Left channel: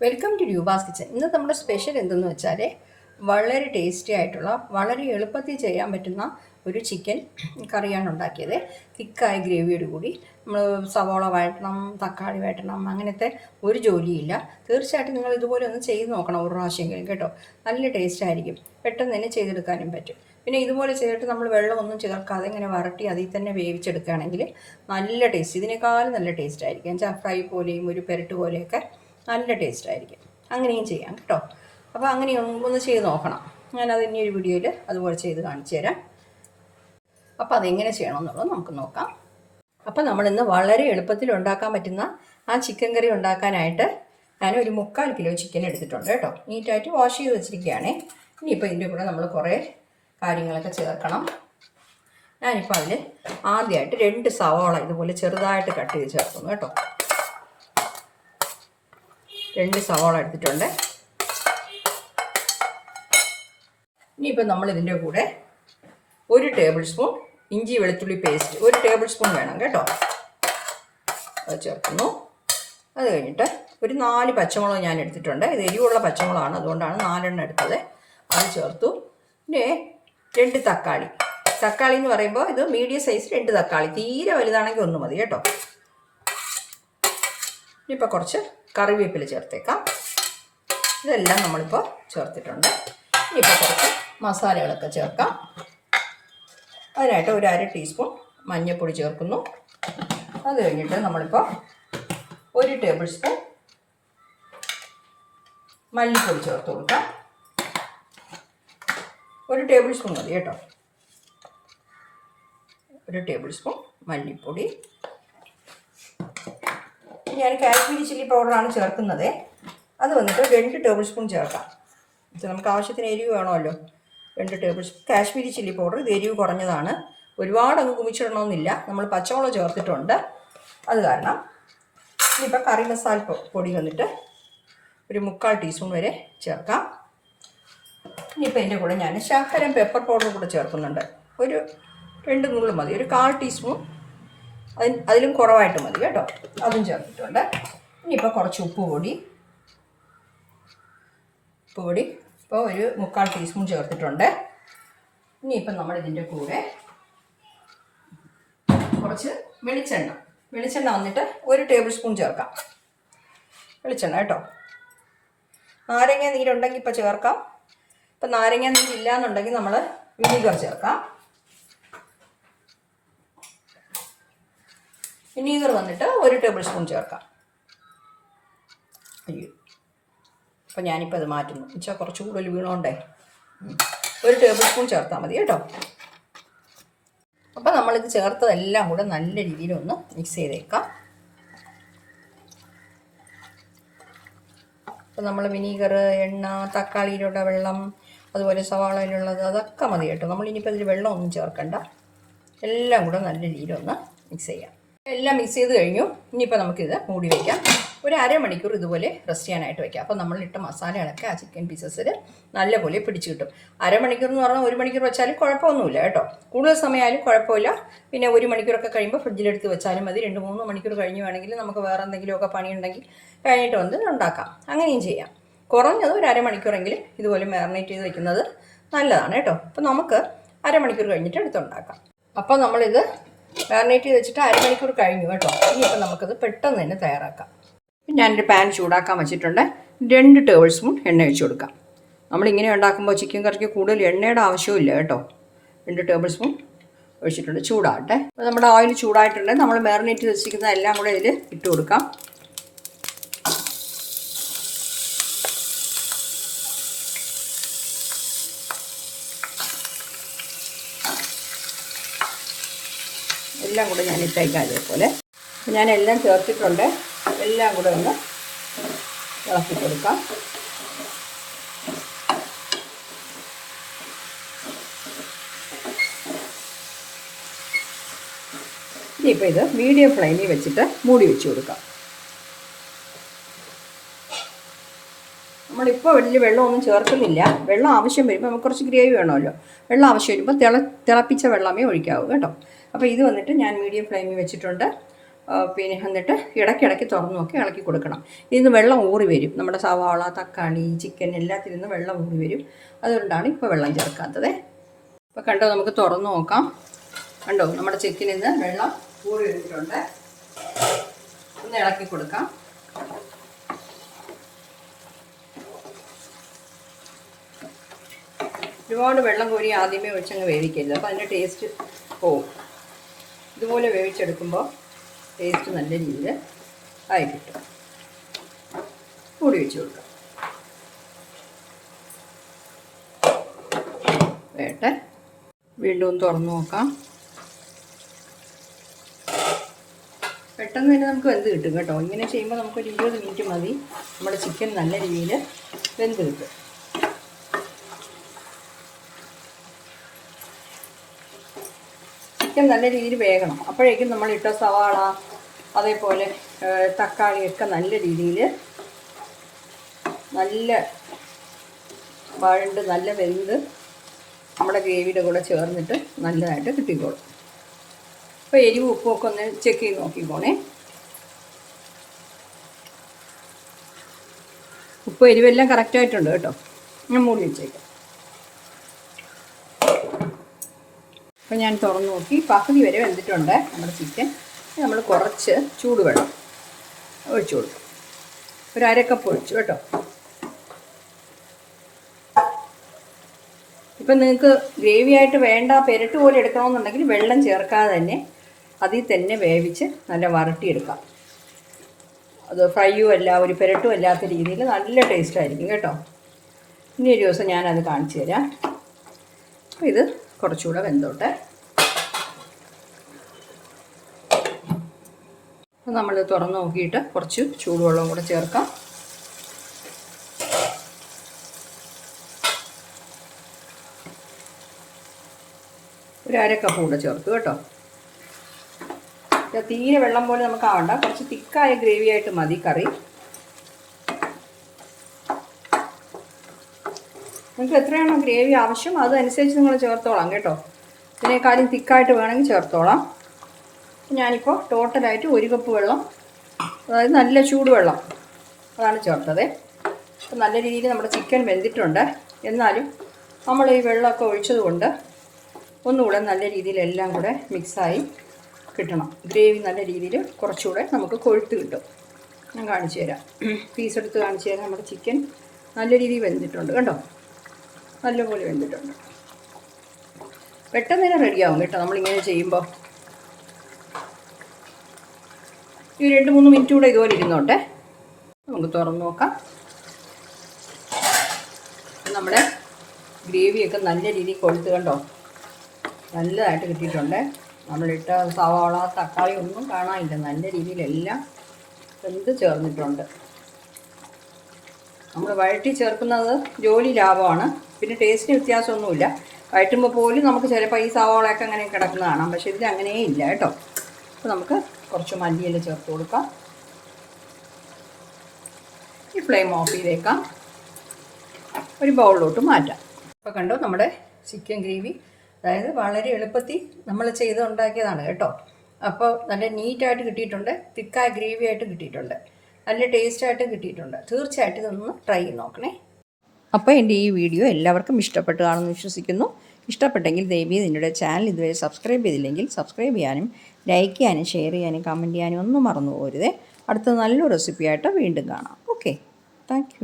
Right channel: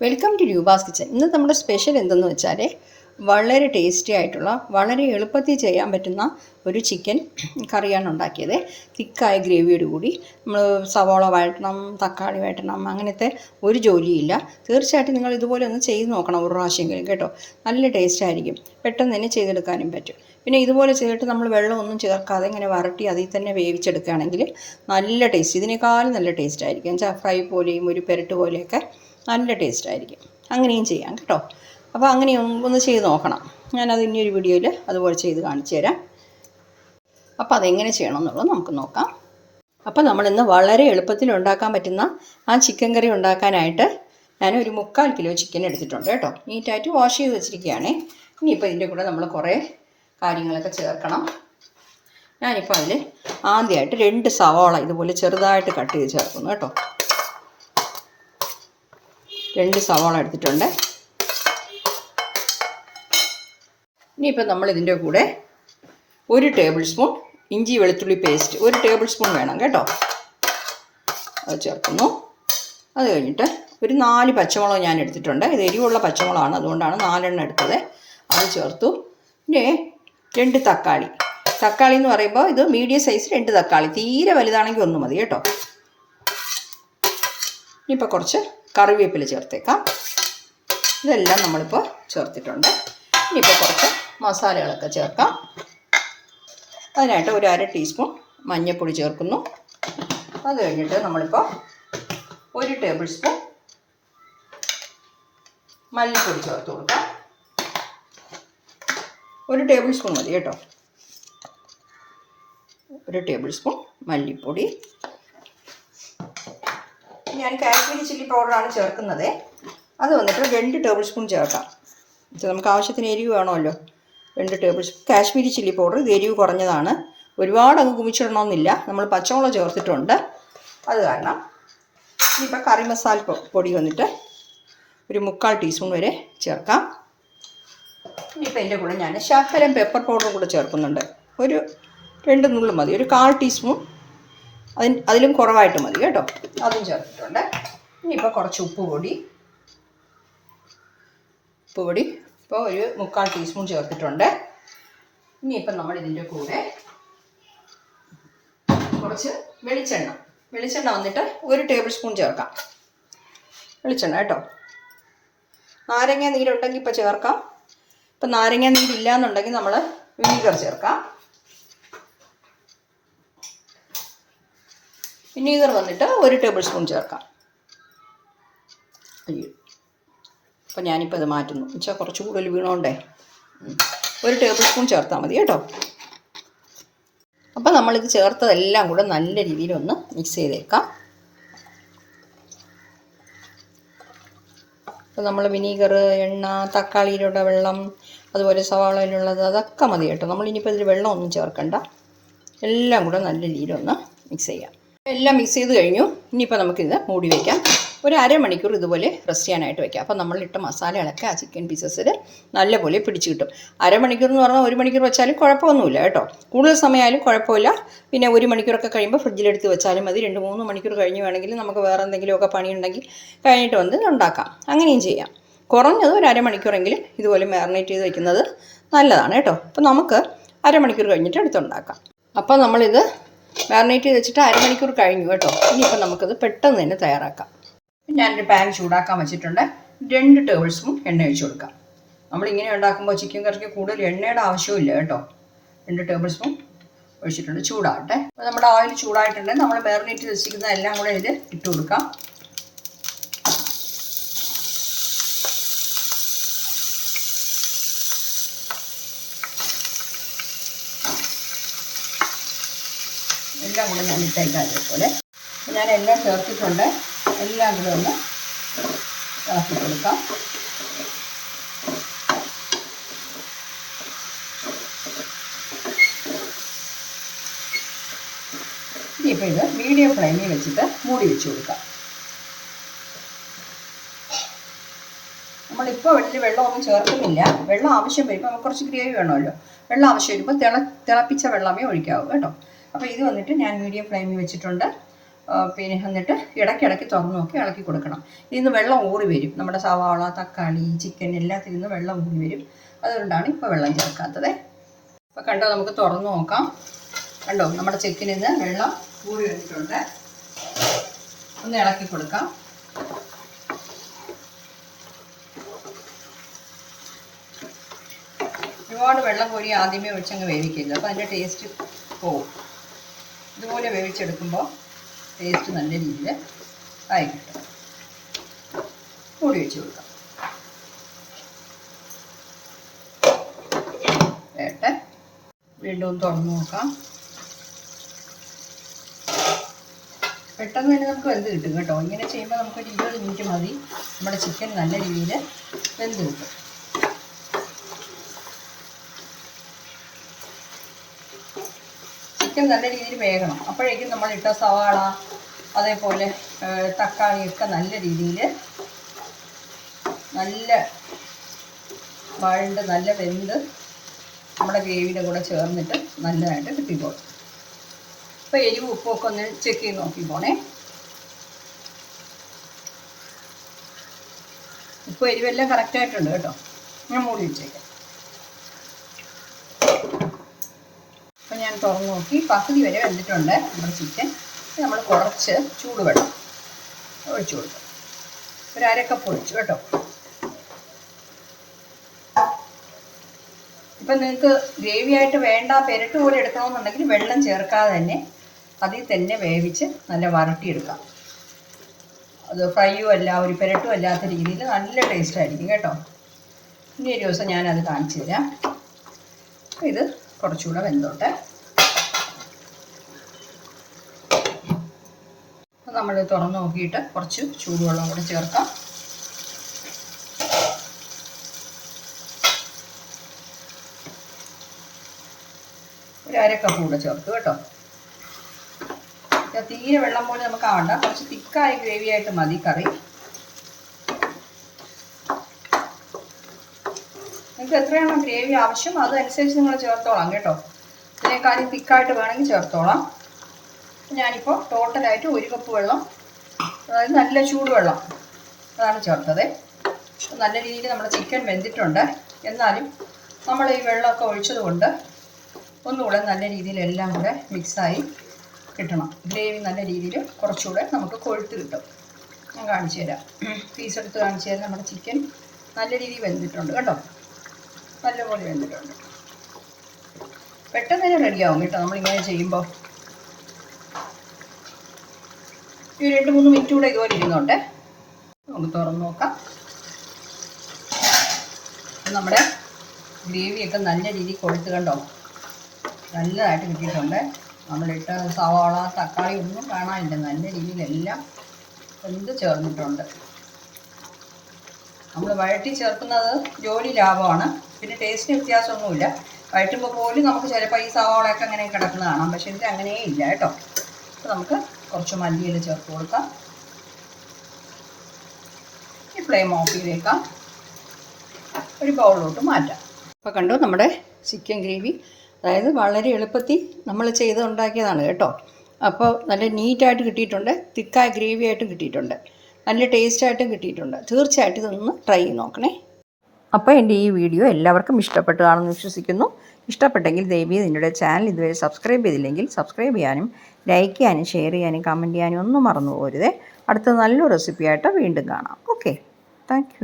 Welcome to Roopa's kitchen ഇന്ന് നമ്മുടെ special എന്തെന്ന് വെച്ചാൽ വളരെ ടേസ്റ്റി ആയിട്ടുള്ള വളരെ എളുപ്പത്തിൽ ചെയ്യാൻ പറ്റുന്ന ഒരു ചിക്കൻ കറിയാണ് ഉണ്ടാക്കിയത്. തിക്കായ ഗ്രേവിയോട് കൂടി. നമ്മൾ സവോള വഴറ്റണം തക്കാളി വഴറ്റണം അങ്ങനത്തെ ഒരു ജോലിയില്ല. തീർച്ചയായിട്ടും നിങ്ങൾ ഇതുപോലെ ഒന്ന് ചെയ്ത് നോക്കണം ഒരു പ്രാവശ്യമെങ്കിലും കേട്ടോ. നല്ല ടേസ്റ്റ് ആയിരിക്കും. പെട്ടെന്ന് തന്നെ ചെയ്തെടുക്കാനും പറ്റും. പിന്നെ ഇതുപോലെ ചെയ്തിട്ട് നമ്മൾ വെള്ളമൊന്നും ചേർക്കാതെ ഇങ്ങനെ വരട്ടി അതിൽ തന്നെ വേവിച്ചെടുക്കുകയാണെങ്കിൽ നല്ല ടേസ്റ്റ് ഇതിനേക്കാളും നല്ല ടേസ്റ്റ് ആയിരിക്കും. വെച്ചാൽ ഫ്രൈ പോലെയും ഒരു പെരട്ട് പോലെയൊക്കെ നല്ല ടേസ്റ്റ് ആയിരിക്കും. അങ്ങനെയും ചെയ്യാം കേട്ടോ. അപ്പോൾ അങ്ങനെയും ഒന്ന് ചെയ്ത് നോക്കണം. ഞാനത് ഇനിയൊരു വീഡിയോയിൽ അതുപോലെ ചെയ്ത് കാണിച്ചു തരാം. അപ്പോൾ അതെങ്ങനെ ചെയ്യണം എന്നുള്ളത് നമുക്ക് നോക്കാം. അപ്പോൾ നമ്മളിന്ന് വളരെ എളുപ്പത്തിൽ ഉണ്ടാക്കാൻ പറ്റുന്ന ആ ചിക്കൻ കറി ഉണ്ടാക്കാനായിട്ട് ഞാൻ ഒരു മുക്കാൽ കിലോ ചിക്കൻ എടുത്തിട്ടുണ്ട് കേട്ടോ. നീറ്റായിട്ട് വാഷ് ചെയ്ത് വെച്ചിരിക്കുകയാണ്. ഇനിയിപ്പോൾ ഇതിന്റെ കൂടെ നമ്മൾ കുറേ കാര്യങ്ങളൊക്കെ ചേർക്കണം. ഞാനിപ്പോൾ അതിൽ ആദ്യമായിട്ട് രണ്ട് സവാള ഇതുപോലെ ചെറുതായിട്ട് കട്ട് ചെയ്ത് ചേർക്കുന്നു കേട്ടോ. രണ്ട് സവാള എടുത്തിട്ടുണ്ട്. ഇനിയിപ്പോൾ നമ്മൾ ഇതിന്റെ കൂടെ ഒരു ടേബിൾ സ്പൂൺ ഇഞ്ചി വെളുത്തുള്ളി പേസ്റ്റ് ഒരു ടേബിൾ സ്പൂൺ വേണം കേട്ടോ. അത് ചേർക്കുന്നു. അത് കഴിഞ്ഞിട്ട് ഒരു നാല് പച്ചമുളക് ഞാൻ എടുത്തിട്ടുണ്ട്. ഇത് എരിവുള്ള പച്ചമുളകാണ് അതുകൊണ്ടാണ് നാലെണ്ണം എടുത്തത്. അത് ചേർത്തു. പിന്നെ രണ്ട് തക്കാളി. തക്കാളി എന്ന് പറയുമ്പോൾ ഇത് മീഡിയം സൈസ് രണ്ട് തക്കാളി. തീരെ വലുതാണെങ്കിൽ ഒന്ന് മതി കേട്ടോ. ഇനിയിപ്പോൾ കുറച്ച് കറിവേപ്പില ചേർത്തേക്കാം. ഇതെല്ലാം നമ്മളിപ്പോൾ ചേർത്തിട്ടുണ്ട്. ഇനിയിപ്പോൾ കുറച്ച് മസാലകളൊക്കെ ചേർക്കാം. അതിനായിട്ട് ഒരു അര ടീസ്പൂൺ മഞ്ഞൾപ്പൊടി ചേർക്കുന്നു. അത് കഴിഞ്ഞിട്ട് നമ്മളിപ്പോൾ ഒരു ടേബിൾ സ്പൂൺ മല്ലിപ്പൊടി ചേർത്ത് കൊടുക്കാം. ഒരു ടേബിൾ സ്പൂൺ മതി കേട്ടോ. ഒരു ടേബിൾ സ്പൂൺ മല്ലിപ്പൊടി. ഞാൻ കാശ്മീരി ചില്ലി പൗഡറാണ് ചേർക്കുന്നത്. അത് വന്നിട്ട് രണ്ട് ടേബിൾ സ്പൂൺ ചേർക്കാം. ഇത് നമുക്ക് ആവശ്യത്തിന് എരിവ് വേണമല്ലോ. രണ്ട് tablespoon Kashmiri chilli powder ഇത് എരിവ് കുറഞ്ഞതാണ്. ഒരുപാട് അങ്ങ് കുമിച്ചിടണമെന്നില്ല. നമ്മൾ പച്ചമുളക് ചേർത്തിട്ടുണ്ട്. അത് കാരണം ഇനിയിപ്പോൾ കറി മസാല പൊടി വന്നിട്ട് ഒരു മുക്കാൽ ടീസ്പൂൺ വരെ ചേർക്കാം. ഇനിയിപ്പോൾ എന്റെ കൂടെ ഞാൻ ശർക്കരയും പെപ്പർ പൗഡറും കൂടെ ചേർക്കുന്നുണ്ട്. ഒരു രണ്ട് നുള്ളു മതി. ഒരു കാൽ ടീസ്പൂൺ അതിന് അതിലും കുറവായിട്ട് മതി കേട്ടോ. അതും ചേർത്തിട്ടുണ്ട്. ഇനിയിപ്പോൾ കുറച്ച് ഉപ്പ് പൊടി. ഉപ്പ് പൊടി ഇപ്പോൾ ഒരു മുക്കാൽ ടീസ്പൂൺ ചേർത്തിട്ടുണ്ട്. ഇനിയിപ്പോൾ നമ്മൾ ഇതിന്റെ കൂടെ കുറച്ച് വെളിച്ചെണ്ണ. വെളിച്ചെണ്ണ വന്നിട്ട് ഒരു ടേബിൾ സ്പൂൺ ചേർക്കാം. വെളിച്ചെണ്ണ കേട്ടോ. നാരങ്ങ നീരുണ്ടെങ്കിൽ ഇപ്പോൾ ചേർക്കാം. ഇപ്പം നാരങ്ങ നീരില്ല എന്നുണ്ടെങ്കിൽ നമ്മൾ വിനീഗർ ചേർക്കാം. വിനീഗർ വന്നിട്ട് ഒരു ടേബിൾ സ്പൂൺ ചേർക്കാം. അയ്യോ. അപ്പോൾ ഞാനിപ്പോൾ അത് മാറ്റുന്നു. വെച്ചാൽ കുറച്ച് കൂടുതൽ വീണോണ്ടേ. ഒരു ടേബിൾ സ്പൂൺ ചേർത്താൽ മതി കേട്ടോ. അപ്പോൾ നമ്മളിത് ചേർത്തതെല്ലാം കൂടെ നല്ല രീതിയിലൊന്ന് മിക്സ് ചെയ്തേക്കാം. അപ്പോൾ നമ്മൾ വിനീഗർ എണ്ണ തക്കാളിയിലുള്ള വെള്ളം അതുപോലെ സവാളയിലുള്ളത് അതൊക്കെ മതി കേട്ടോ. നമ്മളിനിയിപ്പോൾ ഇതിൽ വെള്ളമൊന്നും ചേർക്കണ്ട. എല്ലാം കൂടെ നല്ല രീതിയിലൊന്ന് മിക്സ് ചെയ്യാം. എല്ലാം മിക്സ് ചെയ്ത് കഴിഞ്ഞു. ഇനിയിപ്പോൾ നമുക്കിത് മൂടി വയ്ക്കാം ഒരു അരമണിക്കൂർ ഇതുപോലെ റെസ്റ്റ് ചെയ്യാനായിട്ട് വയ്ക്കാം അപ്പോൾ നമ്മളിട്ട മസാലകളൊക്കെ ആ ചിക്കൻ പീസസിൽ നല്ലപോലെ പിടിച്ച് കിട്ടും. അരമണിക്കൂർ എന്ന് പറഞ്ഞാൽ ഒരു മണിക്കൂർ വെച്ചാലും കുഴപ്പമൊന്നുമില്ല കേട്ടോ. കൂടുതൽ സമയമായാലും കുഴപ്പമില്ല. പിന്നെ ഒരു മണിക്കൂറൊക്കെ കഴിയുമ്പോൾ ഫ്രിഡ്ജിലെടുത്ത് വെച്ചാലും മതി. രണ്ട് മൂന്ന് മണിക്കൂർ കഴിഞ്ഞ് വേണമെങ്കിൽ നമുക്ക് വേറെ എന്തെങ്കിലുമൊക്കെ പണിയുണ്ടെങ്കിൽ കഴിഞ്ഞിട്ട് വന്ന് ഉണ്ടാക്കാം. അങ്ങനെയും ചെയ്യാം. കുറഞ്ഞത് ഒരു അരമണിക്കൂറെങ്കിലും ഇതുപോലെ മാറിനേറ്റ് ചെയ്ത് വെക്കുന്നത് നല്ലതാണ് കേട്ടോ. അപ്പോൾ നമുക്ക് അരമണിക്കൂർ കഴിഞ്ഞിട്ട് എടുത്തുണ്ടാക്കാം അപ്പോൾ നമ്മളിത് മാറിനേറ്റ് ചെയ്ത് വെച്ചിട്ട് അരമണിക്കൂർ കഴിഞ്ഞു കേട്ടോ. ഇനിയിപ്പോൾ നമുക്കത് പെട്ടെന്ന് തന്നെ തയ്യാറാക്കാം. ഞാനൊരു പാൻ ചൂടാക്കാൻ വെച്ചിട്ടുണ്ട്. രണ്ട് ടേബിൾ സ്പൂൺ എണ്ണ ഒഴിച്ച് കൊടുക്കാം. നമ്മളിങ്ങനെ ഉണ്ടാക്കുമ്പോൾ ചിക്കൻ കറിക്ക് കൂടുതൽ എണ്ണയുടെ ആവശ്യമില്ല കേട്ടോ. രണ്ട് ടേബിൾ സ്പൂൺ ഒഴിച്ചിട്ടുണ്ട്. ചൂടാകട്ടെ. അപ്പോൾ നമ്മുടെ ഓയിൽ ചൂടായിട്ടുണ്ട്. നമ്മൾ മാറിനേറ്റ് വെച്ചിരിക്കുന്ന എല്ലാം കൂടെ ഇതിൽ ഇട്ട് കൊടുക്കാം. എല്ലാം കൂടെ ഞാൻ ഇട്ടേക്കാം അതേപോലെ. ഞാൻ എല്ലാം ചേർത്തിട്ടുണ്ട്. എല്ലാം കൂടെ ഒന്ന് ചേർത്തി കൊടുക്കാം. ഇനിയിപ്പോൾ ഇത് മീഡിയം ഫ്ലെയിമിൽ വെച്ചിട്ട് മൂടി വെച്ച് കൊടുക്കാം. നമ്മളിപ്പോൾ വലിയ വെള്ളമൊന്നും ചേർക്കുന്നില്ല. വെള്ളം ആവശ്യം വരുമ്പോൾ നമുക്ക് കുറച്ച് ഗ്രേവി വേണമല്ലോ. വെള്ളം ആവശ്യം വരുമ്പോൾ തിള തിളപ്പിച്ച വെള്ളമേ ഒഴിക്കാവൂ കേട്ടോ. അപ്പോൾ ഇത് വന്നിട്ട് ഞാൻ മീഡിയം ഫ്ലെയിമിൽ വെച്ചിട്ടുണ്ട്. പിന്നെ എന്നിട്ട് ഇടയ്ക്കിടയ്ക്ക് തുറന്നു നോക്കി ഇളക്കി കൊടുക്കണം. ഇതിന്ന് വെള്ളം ഊറി വരും. നമ്മുടെ സവാള തക്കാളി ചിക്കൻ എല്ലാത്തിൽ നിന്ന് വെള്ളം ഊറി വരും. അതുകൊണ്ടാണ് ഇപ്പോൾ വെള്ളം ചേർക്കാത്തത്. അപ്പോൾ കണ്ടോ നമുക്ക് തുറന്ന് നോക്കാം. കണ്ടോ നമ്മുടെ ചിക്കനിൽ നിന്ന് വെള്ളം ഊറി വന്നിട്ടുണ്ട്. ഒന്ന് ഇളക്കി കൊടുക്കാം. ഒരുപാട് വെള്ളം കോരി ആദ്യമേ വെച്ചങ്ങ് വേവിക്കരുത്. അപ്പോൾ അതിന്റെ ടേസ്റ്റ് പോവും. ഇതുപോലെ വേവിച്ചെടുക്കുമ്പോൾ ടേസ്റ്റ് നല്ല രീതിയിൽ ആയി കിട്ടും മൂടി വെച്ച് കൊടുക്കാം. വേട്ടെ. വീണ്ടും തുറന്ന് നോക്കാം. പെട്ടെന്ന് തന്നെ നമുക്ക് വെന്ത് കിട്ടും കേട്ടോ. ഇങ്ങനെ ചെയ്യുമ്പോൾ നമുക്കൊരു ഇരുപത് മിനിറ്റ് മതി. നമ്മുടെ ചിക്കൻ നല്ല രീതിയിൽ വെന്ത് കിട്ടും. ചിക്കൻ നല്ല രീതിയിൽ വേകണം. അപ്പോഴേക്കും നമ്മൾ ഇട്ട സവാള അതേപോലെ തക്കാളിയൊക്കെ നല്ല രീതിയിൽ നല്ല വഴണ്ട് നല്ല വെന്ത് നമ്മുടെ ഗ്രേവിയുടെ കൂടെ ചേർന്നിട്ട് നല്ലതായിട്ട് കിട്ടിക്കോളും. അപ്പോൾ എരിവ് ഉപ്പൊക്കെ ഒന്ന് ചെക്ക് ചെയ്ത് നോക്കി പോണേ. ഉപ്പ് എരിവെല്ലാം കറക്റ്റായിട്ടുണ്ട് കേട്ടോ. ഞാൻ മൂടി വെച്ചേക്കാം. അപ്പോൾ ഞാൻ തുറന്ന് നോക്കി. പകുതി വരെ വെന്തിട്ടുണ്ട് നമ്മുടെ ചിക്കൻ. നമ്മൾ കുറച്ച് ചൂടുവെള്ളം ഒഴിച്ചു കൊടുക്കും. ഒരു അരക്കപ്പ് ഒഴിച്ചു കേട്ടോ. ഇപ്പം നിങ്ങൾക്ക് ഗ്രേവി ആയിട്ട് വേണ്ട പെരട്ട് പോലെ എടുക്കണമെന്നുണ്ടെങ്കിൽ വെള്ളം ചേർക്കാതെ തന്നെ അതിൽ തന്നെ വേവിച്ച് നല്ല വരട്ടിയെടുക്കാം. അത് ഫ്രൈയും അല്ല ഒരു പെരട്ടും അല്ലാത്ത രീതിയിൽ നല്ല ടേസ്റ്റ് ആയിരിക്കും കേട്ടോ. ഇനി ഒരു ദിവസം ഞാനത് കാണിച്ചു തരാം. ഇത് കുറച്ചുകൂടെ വെന്തോട്ടെ. നമ്മൾ തുറന്ന് നോക്കിയിട്ട് കുറച്ച് ചൂടുവെള്ളം കൂടെ ചേർക്കാം. ഒരു അര കപ്പ് കൂടെ ചേർത്ത് കേട്ടോ. തീരെ വെള്ളം പോലെ നമുക്ക് ആവണ്ട. കുറച്ച് തിക്കായ ഗ്രേവി ആയിട്ട് മതി കറി. നിങ്ങൾക്ക് എത്രയാണോ ഗ്രേവി ആവശ്യം അതനുസരിച്ച് നിങ്ങൾ ചേർത്തോളാം കേട്ടോ. ഇതിനേക്കാളും തിക്കായിട്ട് വേണമെങ്കിൽ ചേർത്തോളാം. ഞാനിപ്പോൾ ടോട്ടലായിട്ട് ഒരു കപ്പ് വെള്ളം അതായത് നല്ല ചൂടുവെള്ളം അതാണ് ചേർത്തത്. നല്ല രീതിയിൽ നമ്മുടെ ചിക്കൻ വെന്തിട്ടുണ്ട്. എന്നാലും നമ്മൾ ഈ വെള്ളമൊക്കെ ഒഴിച്ചത് കൊണ്ട് ഒന്നുകൂടെ നല്ല രീതിയിൽ എല്ലാം കൂടെ മിക്സായി കിട്ടണം. ഗ്രേവി നല്ല രീതിയിൽ കുറച്ചുകൂടെ നമുക്ക് കൊഴുത്ത് കിട്ടും. ഞാൻ കാണിച്ചു തരാം പീസ് എടുത്ത് കാണിച്ചു തരാം നമ്മുടെ ചിക്കൻ നല്ല രീതിയിൽ വെന്തിട്ടുണ്ട് കേട്ടോ. നല്ലപോലെ വെന്തിട്ടുണ്ട്. പെട്ടെന്ന് തന്നെ റെഡിയാവും കേട്ടോ നമ്മളിങ്ങനെ ചെയ്യുമ്പോൾ ഈ രണ്ട് മൂന്ന് മിനിറ്റ് കൂടെ ഇതുപോലെ ഇരുന്നോട്ടെ. നമുക്ക് തുറന്ന് നോക്കാം. നമ്മുടെ ഗ്രേവിയൊക്കെ നല്ല രീതിയിൽ കൊഴുത്ത് കണ്ടോ? നല്ലതായിട്ട് കിട്ടിയിട്ടുണ്ട്. നമ്മളിട്ട സവാള തക്കാളി ഒന്നും കാണാനില്ല. നല്ല രീതിയിലെല്ലാം എന്ത് ചേർന്നിട്ടുണ്ട്. നമ്മൾ വഴറ്റി ചേർക്കുന്നത് ജോലി ലാഭമാണ്. പിന്നെ ടേസ്റ്റിന് വ്യത്യാസമൊന്നുമില്ല. വഴറ്റുമ്പോൾ പോലും നമുക്ക് ചിലപ്പോൾ ഈ സവാളയൊക്കെ അങ്ങനെ കിടക്കുന്ന കാണാം. പക്ഷേ ഇതിൽ അങ്ങനെയേ ഇല്ല കേട്ടോ. അപ്പോൾ നമുക്ക് കുറച്ച് മല്ലിയില ചേർത്ത് കൊടുക്കാം. ഈ ഫ്ലെയിം ഓഫ് ചെയ്തേക്കാം. ഒരു ബൗളിലോട്ട് മാറ്റാം. അപ്പോൾ കണ്ടു നമ്മുടെ ചിക്കൻ ഗ്രേവി അതായത് വളരെ എളുപ്പത്തിൽ നമ്മൾ ചെയ്ത് ഉണ്ടാക്കിയതാണ് കേട്ടോ. അപ്പോൾ നല്ല നീറ്റായിട്ട് കിട്ടിയിട്ടുണ്ട്. തിക്കായ ഗ്രേവി ആയിട്ട് കിട്ടിയിട്ടുണ്ട്. നല്ല ടേസ്റ്റായിട്ടും കിട്ടിയിട്ടുണ്ട്. തീർച്ചയായിട്ടും ഇതൊന്ന് ട്രൈ ചെയ്ത് നോക്കണേ. അപ്പോൾ എന്റെ ഈ വീഡിയോ എല്ലാവർക്കും ഇഷ്ടപ്പെട്ടു കാണുമെന്ന് വിശ്വസിക്കുന്നു. ഇഷ്ടപ്പെട്ടെങ്കിൽ ദയവീ നിങ്ങളുടെ ചാനൽ ഇതുവരെ സബ്സ്ക്രൈബ് ചെയ്തില്ലെങ്കിൽ സബ്സ്ക്രൈബ് ചെയ്യാനും ലൈക്ക് ചെയ്യാനും ഷെയർ ചെയ്യാനും കമന്റ് ചെയ്യാനും ഒന്നും മറന്നു പോരുതേ അടുത്ത നല്ലൊരു റെസിപ്പിയായിട്ട് വീണ്ടും കാണാം. Okay thank